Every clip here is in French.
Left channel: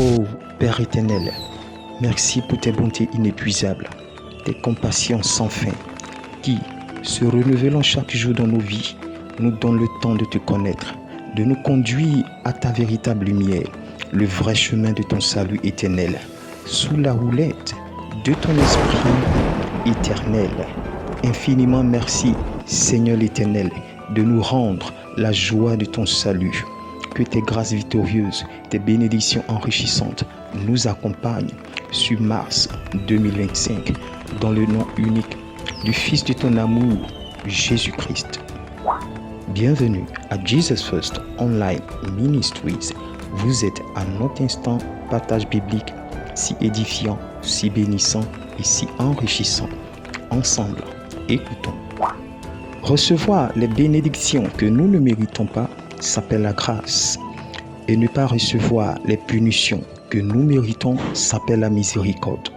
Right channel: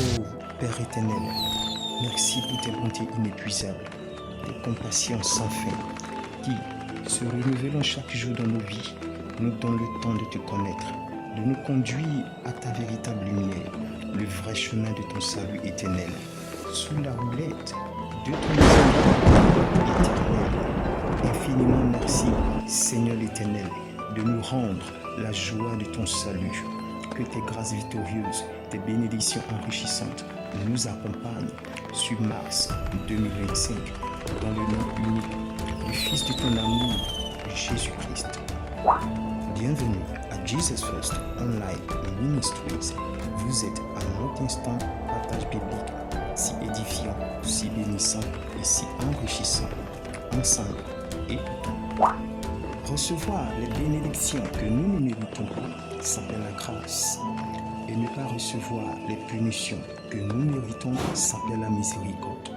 Ô Père éternel, merci pour tes bontés inépuisables, tes compassions sans fin, qui, se renouvelant chaque jour dans nos vies, nous donnent le temps de te connaître, de nous conduire à ta véritable lumière, le vrai chemin de ton salut éternel, sous la houlette de ton esprit éternel. Infiniment merci, Seigneur l'Éternel, de nous rendre la joie de ton salut. Que tes grâces victorieuses, tes bénédictions enrichissantes nous accompagnent sur mars 2025, dans le nom unique du Fils de ton amour, Jésus-Christ. Bienvenue à Jesus First Online Ministries. Vous êtes à notre instant partage biblique si édifiant, si bénissant et si enrichissant. Ensemble, écoutons. Recevoir les bénédictions que nous ne méritons pas s'appelle la grâce. Et ne pas recevoir les punitions que nous méritons s'appelle la miséricorde.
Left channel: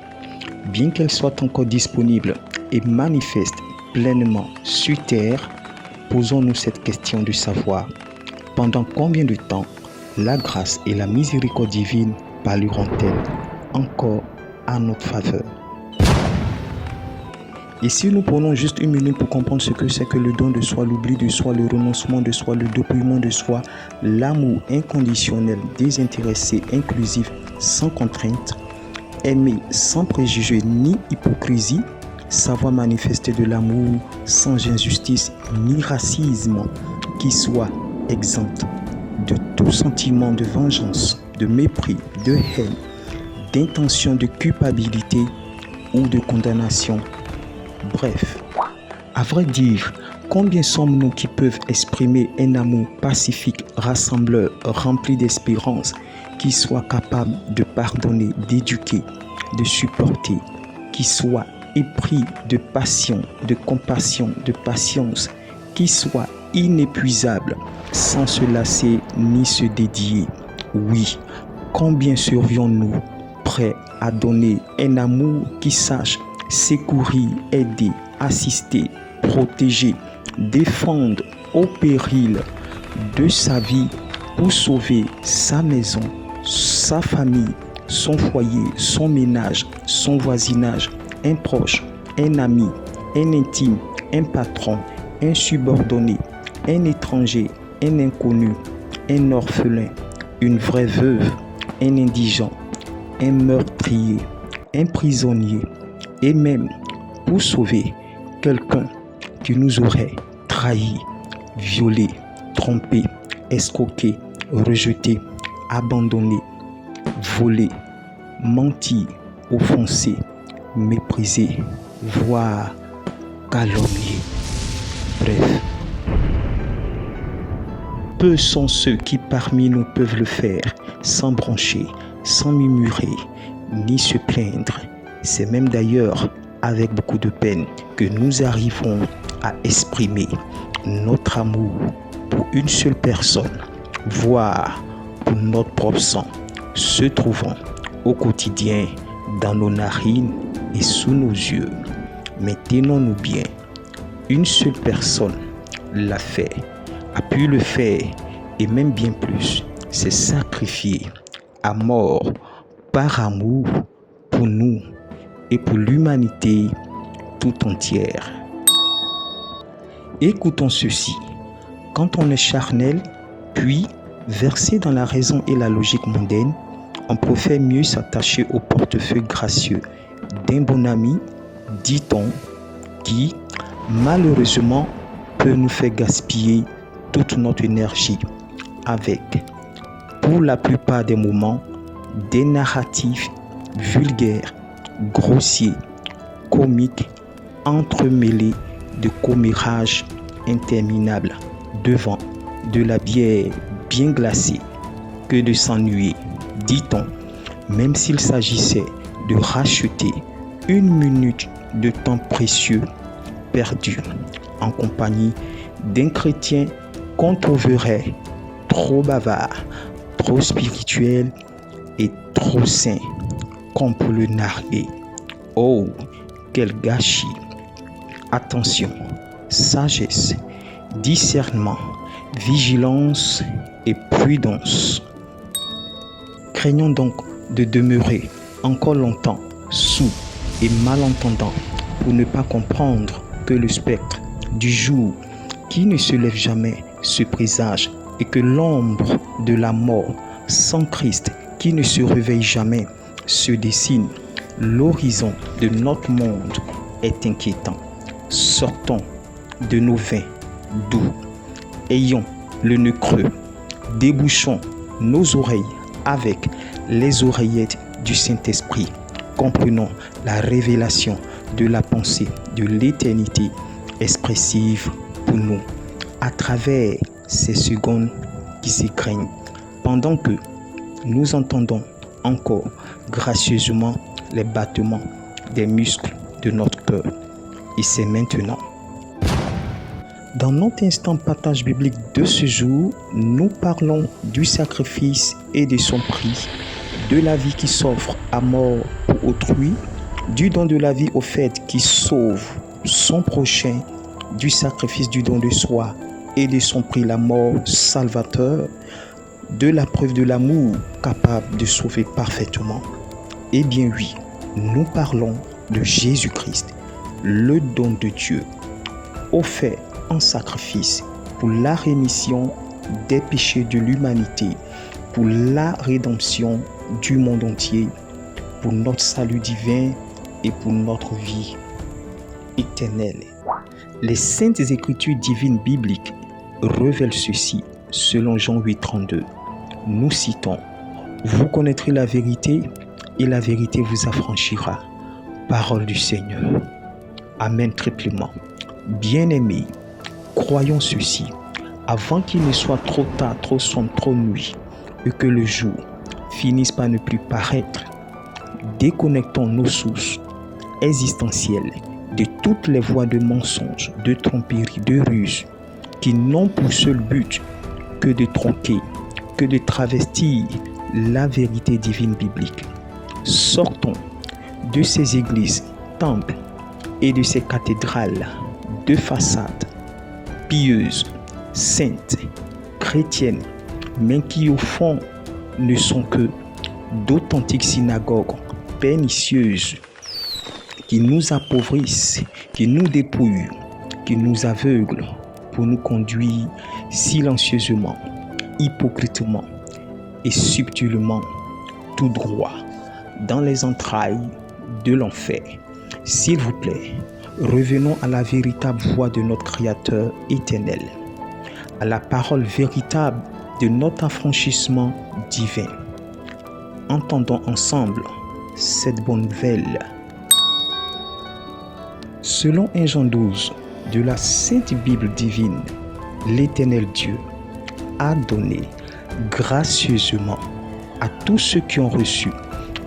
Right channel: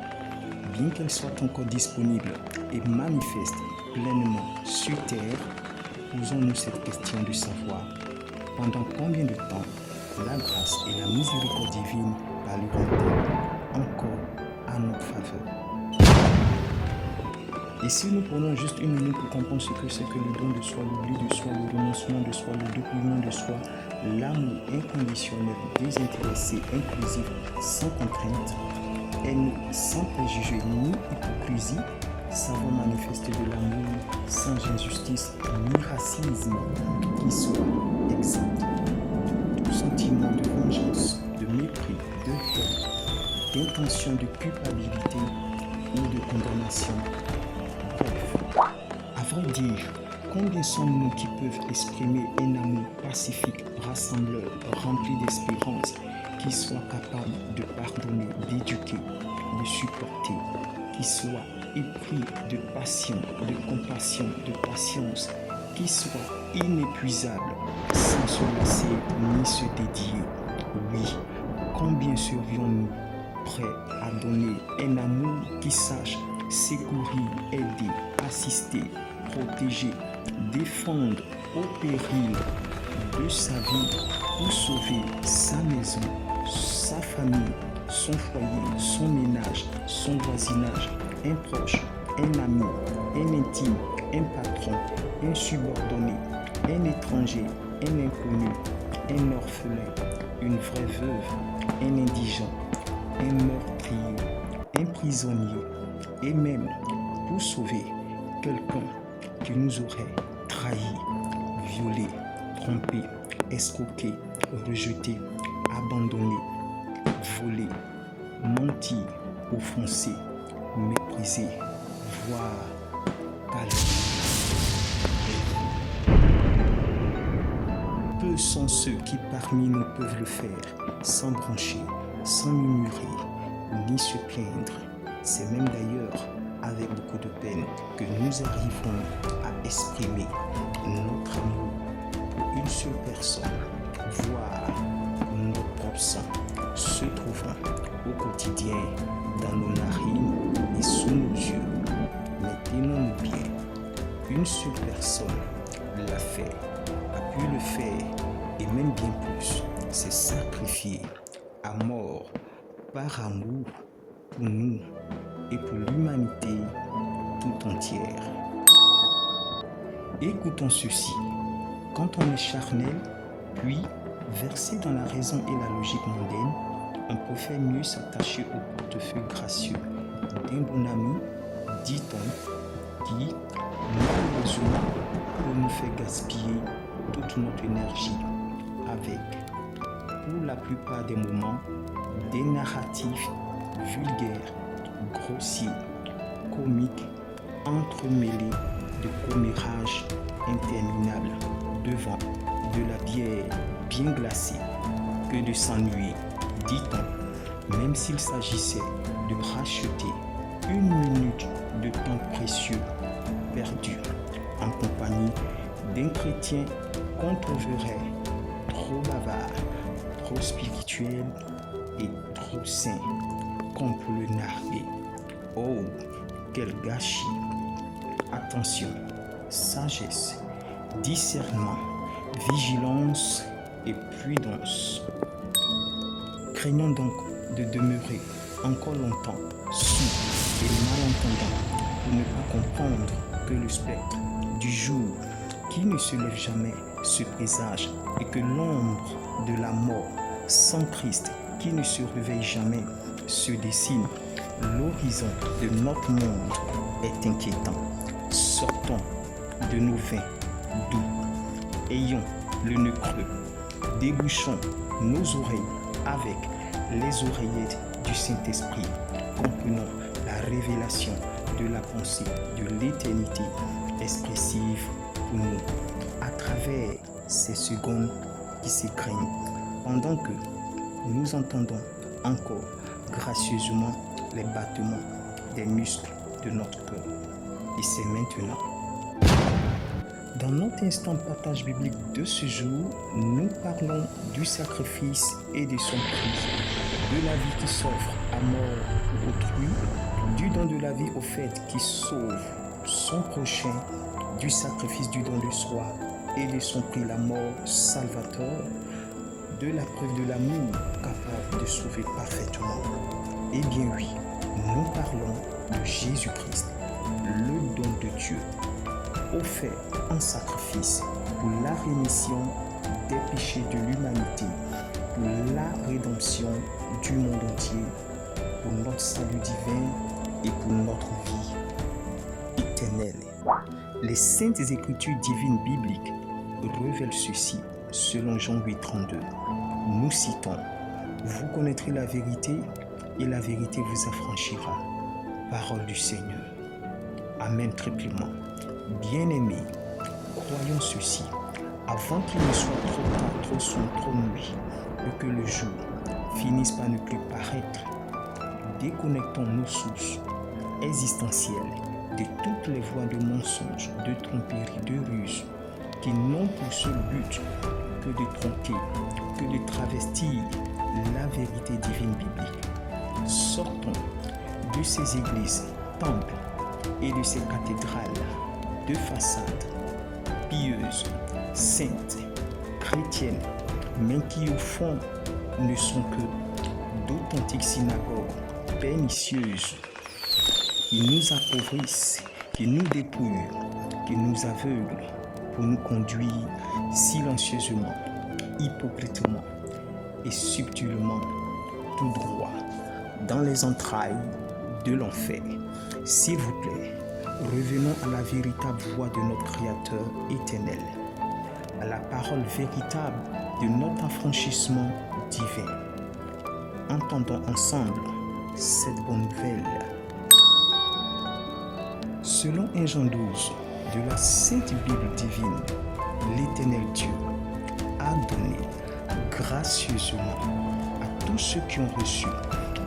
Bien qu'elles soient encore disponibles et manifestent pleinement sur terre, posons-nous cette question de savoir pendant combien de temps la grâce et la miséricorde divine parleront-elles encore à notre faveur. Et si nous prenons juste une minute pour comprendre ce que c'est que le don de soi, l'oubli de soi, le renoncement de soi, le dépouillement de soi, l'amour inconditionnel, désintéressé, inclusif, sans contrainte, aimer sans préjugés ni hypocrisie, savoir manifester de l'amour sans injustice ni racisme, qui soit exempt de tout sentiment de vengeance, de mépris, de haine, d'intention de culpabilité ou de condamnation. Bref, à vrai dire, combien sommes-nous qui peuvent exprimer un amour pacifique, rassembleur, rempli d'espérance, qui soit capable de pardonner, d'éduquer, de supporter, qui soit épris de passion, de compassion, de patience, qui soit inépuisable, sans se lasser ni se dédier. Oui, combien serions-nous prêts à donner un amour qui sache secourir, aider, assister, protéger, défendre au péril de sa vie pour sauver sa maison, sa famille, son foyer, son ménage, son voisinage, un proche, un ami, un intime, un patron, un subordonné, un étranger, un inconnu, un orphelin, une vraie veuve, un indigent, un meurtrier, un prisonnier, et même pour sauver quelqu'un qui nous aurait trahi, violé, trompé, escroqué, rejeté, abandonné, volé, menti, offensé, méprisé, voire calomnié. Bref, peu sont ceux qui parmi nous peuvent le faire sans broncher, sans murmurer, ni se plaindre. C'est même d'ailleurs avec beaucoup de peine que nous arrivons à exprimer notre amour pour une seule personne, voire pour notre propre sang, se trouvant au quotidien dans nos narines et sous nos yeux. Mais tenons-nous bien, une seule personne l'a fait, a pu le faire et même bien plus, s'est sacrifié à mort par amour pour nous et pour l'humanité tout entière. Écoutons ceci. Quand on est charnel, puis versé dans la raison et la logique mondaine, on préfère mieux s'attacher au portefeuille gracieux d'un bon ami, dit-on, qui, malheureusement, peut nous faire gaspiller toute notre énergie avec, pour la plupart des moments, des narratifs vulgaires, grossiers, comiques, entremêlés de commérages interminables devant de la bière bien glacée que de s'ennuyer, dit-on, même s'il s'agissait de racheter une minute de temps précieux perdu en compagnie d'un chrétien qu'on trouverait trop bavard, trop spirituel et trop saint comme pour le narguer. Oh, quel gâchis! Attention, sagesse, discernement, vigilance et prudence. Craignons donc de demeurer encore longtemps sourd et malentendant pour ne pas comprendre que le spectre du jour qui ne se lève jamais se présage et que l'ombre de la mort sans Christ qui ne se réveille jamais se dessine. L'horizon de notre monde est inquiétant. Sortons de nos vins doux. Ayons le nœud creux. Débouchons nos oreilles avec les oreillettes du Saint-Esprit. Comprenons la révélation de la pensée de l'éternité expressive pour nous à travers ces secondes qui s'égrènent pendant que nous entendons encore gracieusement les battements des muscles de notre cœur. Et c'est maintenant. Dans notre instant partage biblique de ce jour, nous parlons du sacrifice et de son prix, de la vie qui s'offre à mort pour autrui, du don de la vie au fait qui sauve son prochain, du sacrifice du don de soi et de son prix la mort salvateur, de la preuve de l'amour capable de sauver parfaitement. Eh bien oui, nous parlons de Jésus-Christ, le don de Dieu, offert en sacrifice pour la rémission des péchés de l'humanité, pour la rédemption du monde entier, pour notre salut divin et pour notre vie éternelle. Les saintes écritures divines bibliques révèlent ceci selon Jean 8,32. Nous citons: vous connaîtrez la vérité et la vérité vous affranchira. Parole du Seigneur. Amen triplement. Bien-aimés, croyons ceci avant qu'il ne soit trop tard, trop sombre, trop nuit et que le jour finisse par ne plus paraître. Déconnectons nos sources existentielles de toutes les voies de mensonges, de tromperies, de ruses qui n'ont pour seul but que de tronquer, que de travestir la vérité divine biblique. Sortons de ces églises, temples et de ces cathédrales de façade pieuses, saintes, chrétiennes, mais qui au fond ne sont que d'authentiques synagogues pernicieuses qui nous appauvrissent, qui nous dépouillent, qui nous aveuglent pour nous conduire silencieusement, hypocritement et subtilement tout droit dans les entrailles de l'enfer. S'il vous plaît, revenons à la véritable voix de notre Créateur éternel, à la parole véritable de notre affranchissement divin. Entendons ensemble cette bonne nouvelle. Selon 1 Jean 12 de la Sainte Bible divine, l'Éternel Dieu a donné gracieusement à tous ceux qui ont reçu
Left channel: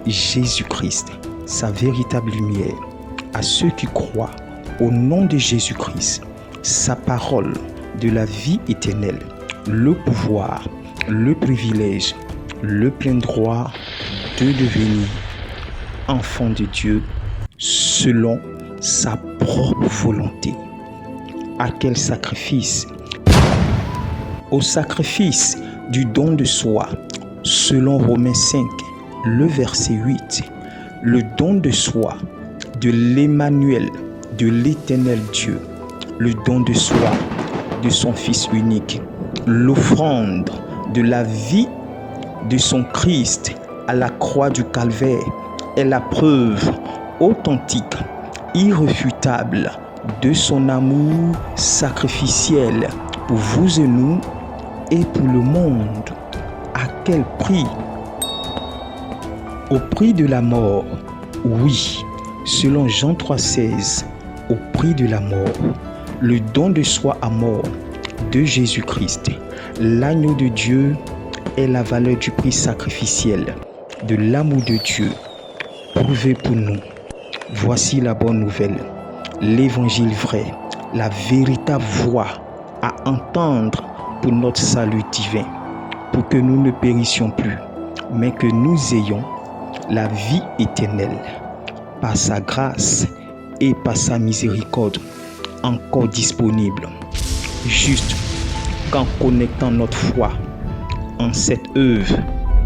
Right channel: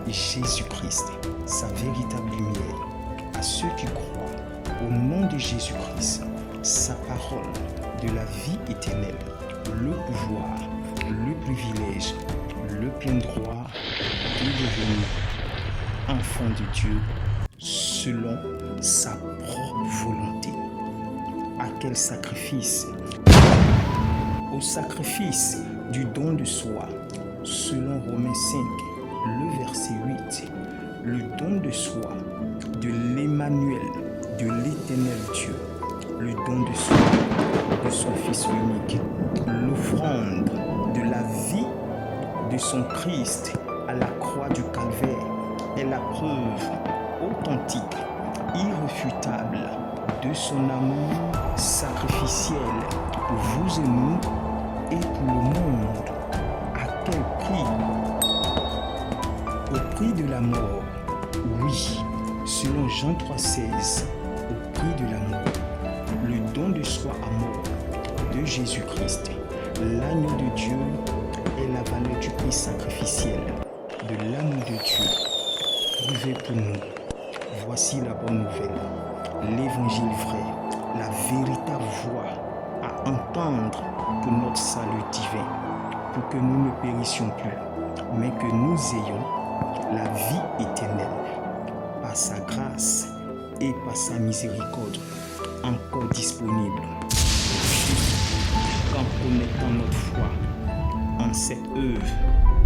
Jésus-Christ, sa véritable lumière, à ceux qui croient au nom de Jésus-Christ, sa parole de la vie éternelle, le pouvoir, le privilège, le plein droit de devenir enfant de Dieu selon sa propre volonté. À quel sacrifice? Au sacrifice du don de soi, selon Romains 5, le verset 8, le don de soi de l'Emmanuel, de l'Éternel Dieu, le don de soi de son Fils unique, l'offrande de la vie de son Christ à la croix du Calvaire est la preuve authentique, irréfutable de son amour sacrificiel pour vous et nous et pour le monde. À quel prix? Au prix de la mort, oui, selon Jean 3,16, au prix de la mort, le don de soi à mort de Jésus-Christ, l'agneau de Dieu est la valeur du prix sacrificiel de l'amour de Dieu prouvé pour nous. Voici la bonne nouvelle, l'évangile vrai, la véritable voix à entendre pour notre salut divin, pour que nous ne périssions plus, mais que nous ayons la vie éternelle par sa grâce et par sa miséricorde encore disponible, juste qu'en connectant notre foi en cette œuvre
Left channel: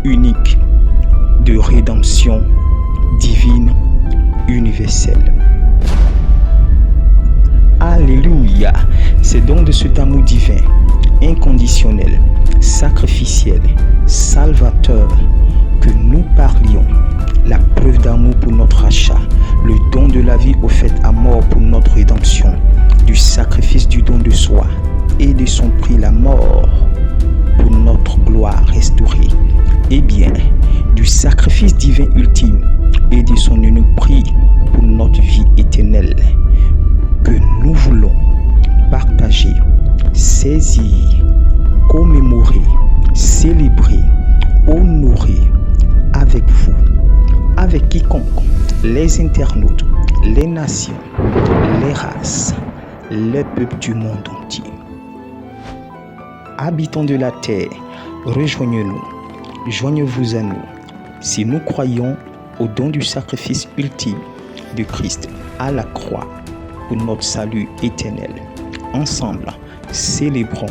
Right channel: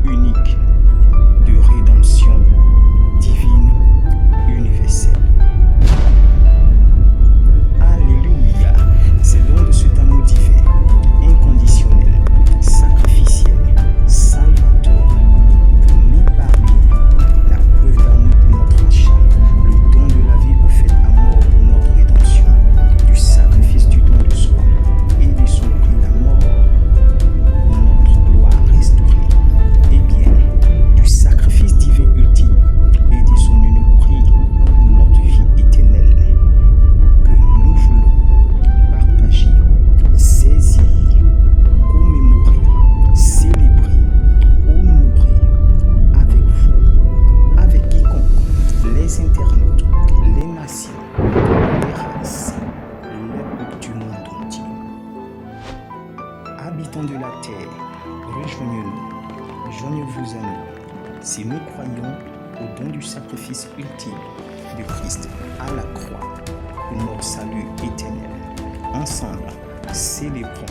unique de rédemption divine universelle. Alléluia! C'est donc de cet amour divin, inconditionnel, sacrificiel, salvateur que nous parlions. La preuve d'amour pour notre achat, le don de la vie offerte à mort pour notre rédemption, du sacrifice du don de soi et de son prix la mort pour notre gloire restaurée. Eh bien, du sacrifice divin ultime et de son unique prix pour notre vie éternelle que nous voulons partager, saisir, commémorer, célébrer, honorer avec vous, avec quiconque, les internautes, les nations, les races, les peuples du monde entier. Habitants de la terre, rejoignez-nous, joignez-vous à nous, si nous croyons au don du sacrifice ultime de Christ à la croix pour notre salut éternel. Ensemble, célébrons,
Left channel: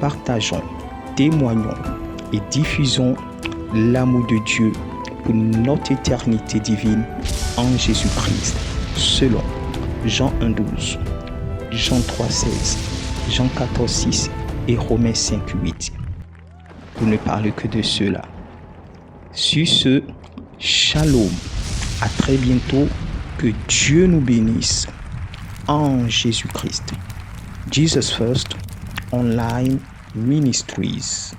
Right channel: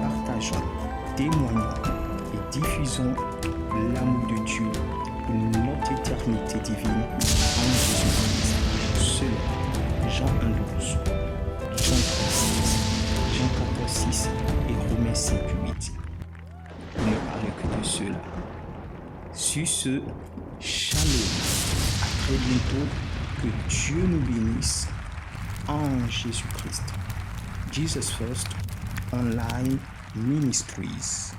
partageons, témoignons et diffusons l'amour de Dieu pour notre éternité divine en Jésus-Christ, selon Jean 1,12, Jean 3,16, Jean 14,6 et Romains 5,8. Pour ne parler que de cela. Sur ce, shalom. À très bientôt. Que Dieu nous bénisse en Jésus-Christ. Jesus First Online Ministries.